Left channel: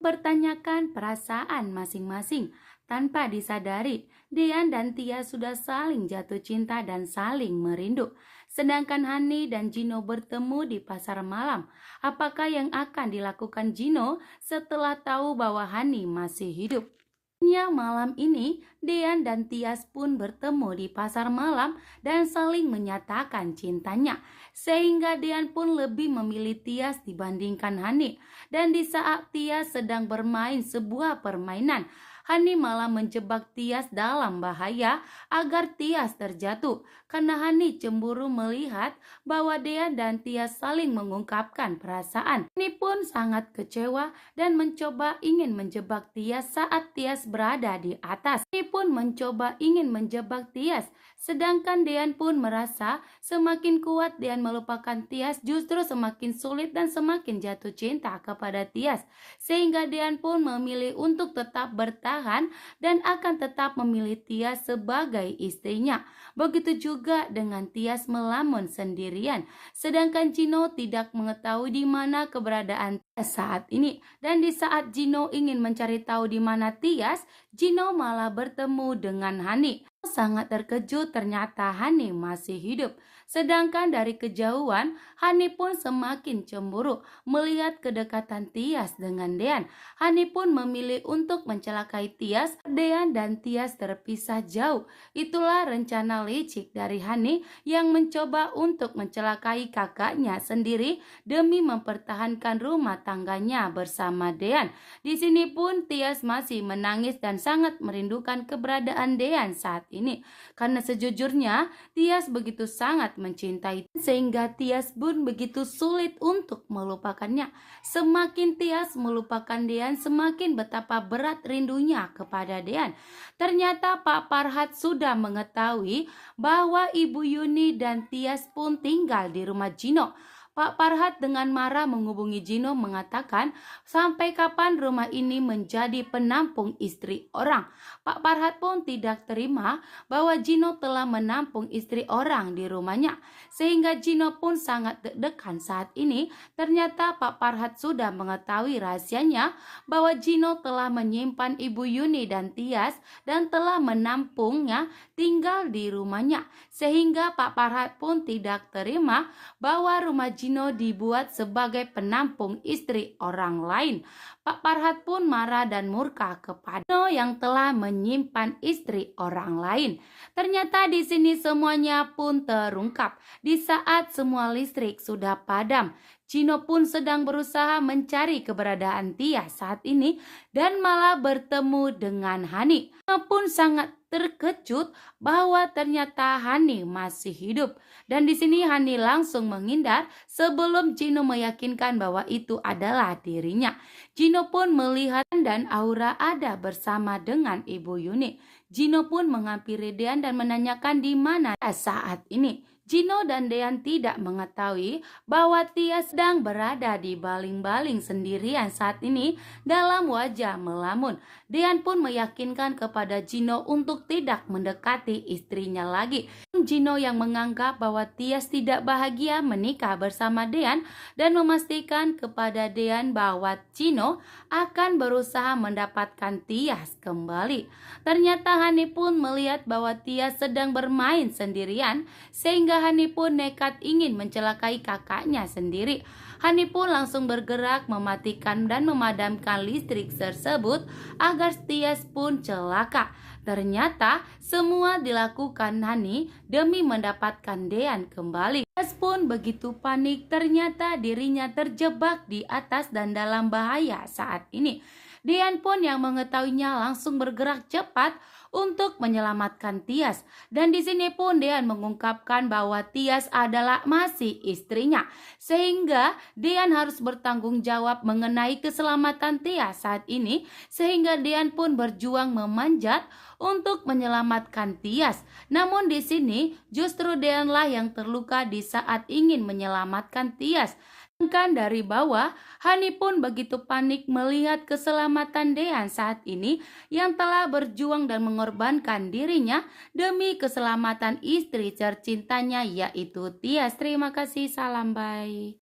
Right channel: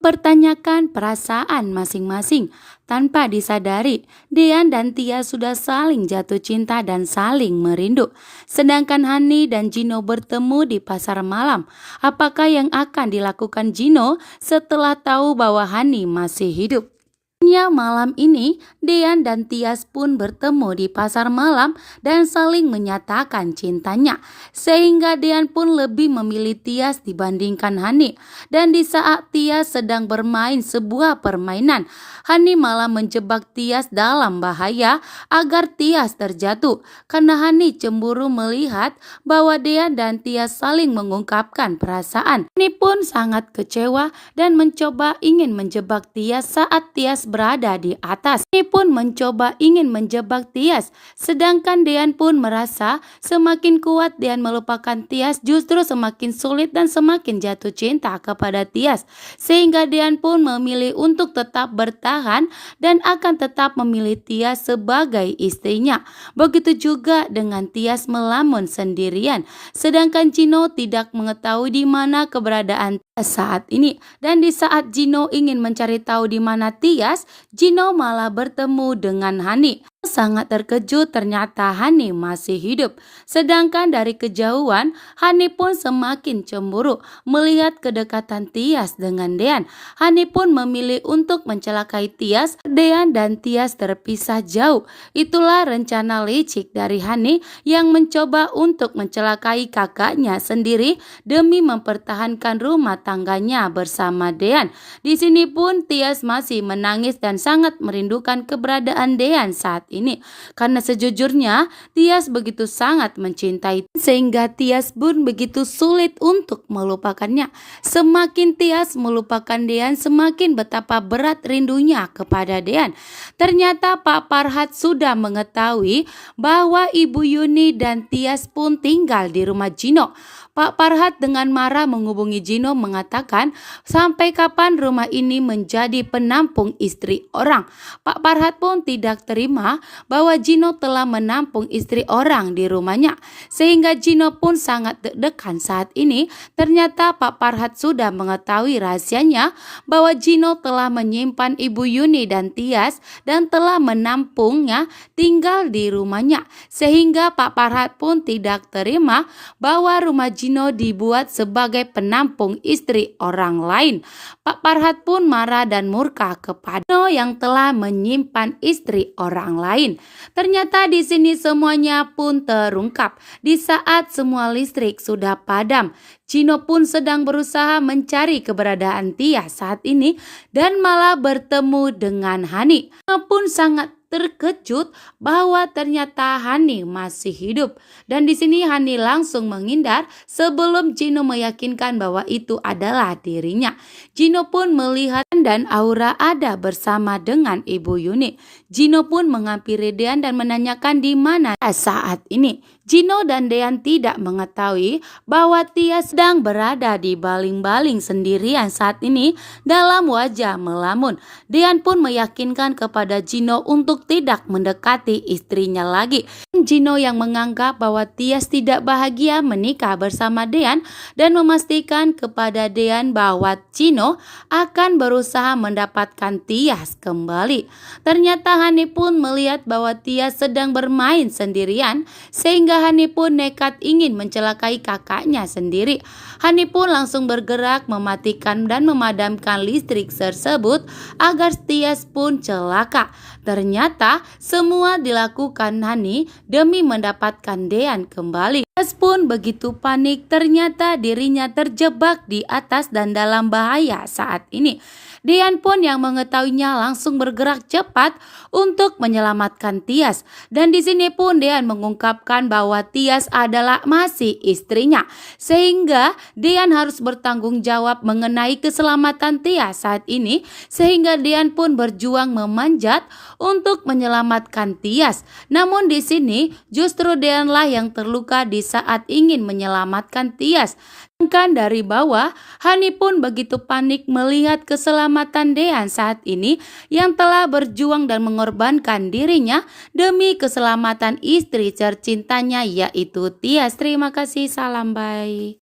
Pertanyakan perasaan masing-masing tanpa disadari. Dean dan Tia sudah saling jatuh cinta dan saling merindu. Sedangkan Hani dan Gino bertemu di pasar malam. Apakah yang akan dilakukan Gino setelah tahu bahwa Hani masih hidup? Malam ini, Dean dan Tias pun bertemu di pasar malam dan saling menyatakan cintanya. Sehingga Dean pun lebih memilih Tias dibandingkan Hani. Dan di saat Tias sedang bermain sebuah permainan, Hani malah menjebak Tias dalam bahaya agar Tias terjatuh. Karena Hani cemburu melihat bahwa Dean dan Tias saling mengungkapkan perasaan. Hani pun sangat kecewa dan mencoba ingin menjebak Tias saat Tias berada di atas. Ini pun mencoba ingin menjebak Tias, sedangkan Dean pun merasa semakin kuat Dean melupakan Tias justru semakin sulit dan semakin jatuh cinta kepada Tias. Sehingga Dean pun memilih untuk tetap bertahan dan akan tetap memilih Tias sebagai istrinya. Begitu juga dengan Tias melamun sendirian, sedangkan Gino tidak mengetahui di mana keberadaan Tias saat ini. Dan di saat Gino ingin mencari tahu di mana Tias, Gino malah bertemu dengan Hani. Sangat terkejut ternyata Hani masih hidup. Sedangkan dari kejauhan, Hani pun semakin cemburu melihat kedekatan Tias dengan Dean. Hani pun memilih untuk mencelakai Tias. Dean dan Tias terpisah jauh. Itulah rencana licik dari Hani yang mencoba untuk mencelakai kakaknya sendiri demi mempertahankan rumah tangganya bersama Dean. Di sini pun Tias masih menangis dan sangat merindukan keberadaan Dean saat ini. Karena sejujurnya Tias begitu sangat mencintai sehingga Tias pun begitu sulit untuk melupakannya. Semakin Tias melupakan Dean, semakin betapa berat rindunya kepada Dean. Ternyata Pak Farhat sudah mengetahui bahwa Ibu Yuni dan Tias pun tinggal di rumah Gino. Pak Farhat dengan marah menghubungi Gino mengatakan sampai kapan rumah ini menjadi penampung istri orang. Pak Farhat pun tidak terima bahwa Gino telah menampung istri orang di rumahnya. Sehingga Gino pun sangat deg-degan saat ini. Ternyata Pak Farhat sudah mengetahui rahasianya bahwa Gino telah menyimpan Ibu Yuni dan Tias dan telah menampungnya tinggal di rumahnya. Sehingga Pak Farhat pun tidak terima bahwa rumah Gino dibuat sebagai penampung istri orang lain. Pak Farhat pun marah dan murka kepada Gino yang telah menyimpan istri orang lain. Ternyata di sini semuanya pun terungkap. Di saat semua listrik sudah padam, Gino pun sedang berusaha mencari keberadaan Tias saat ini dan malah bertemu dengan Hani. Gino pun sangat terkejut bahwa ternyata Hani masih hidup. Dan di sini Hani langsung menghindar sebelum Gino meyakinkan bahwa itu adalah dirinya. Gino pun melihat dan Aura ada bersama dengan Ibu Yuni. Gino pun menghampiri Dean dan menanyakan di mana saat ini. Gino dan Dean tidak mengetahui bahwa Tias sedang berada di baling-baling sendirian saat ini dalam wajah melamun. Dean pun meyakinkan kepada Gino untuk tidak mendekati istrinya lagi. Gino yang menganggap bahwa Tias tidak bahagia menikah bersama Dean dan memastikan kepada Dean bahwa Gino akan berusaha mendapatkan Tias kembali. Ternyata Hani pun melihat bahwa Tias sedang bermain sendirian sehingga Hani pun nekat ingin mencelakai kakaknya sendiri. Hani pun langsung bergerak mematikan dan memadamkan listrik tersebut agar Tias pun celaka. Ternyata semua dilakukan Hani demi mendapatkan Dean kembali. Tias pun begitu panik, ternyata dirinya terjebak di atas dan dalam bahaya saat ini. Dean pun yang mengetahuinya langsung bergerak cepat untuk menyelamatkan Tias. Dan di sini pun Dean mengungkapkan bahwa Tias adalah masih istrinya. Sehingga Dean harus bertanggung jawab mengenai keselamatan Tias saat ini. Sehingga Dean pun berjuang memanjat untuk menyelamatkan Tias. Namun di sini justru Deanlah yang terluka di saat ingin menyelamatkan Tias. Sedangkan dari bawah, Hani pun begitu panik melihat keselamatan Dean saat ini yang telah berjuang dan mengorbankan dirinya demi keselamatan istri tercintanya yaitu Tias. Terima kasih, salam bye.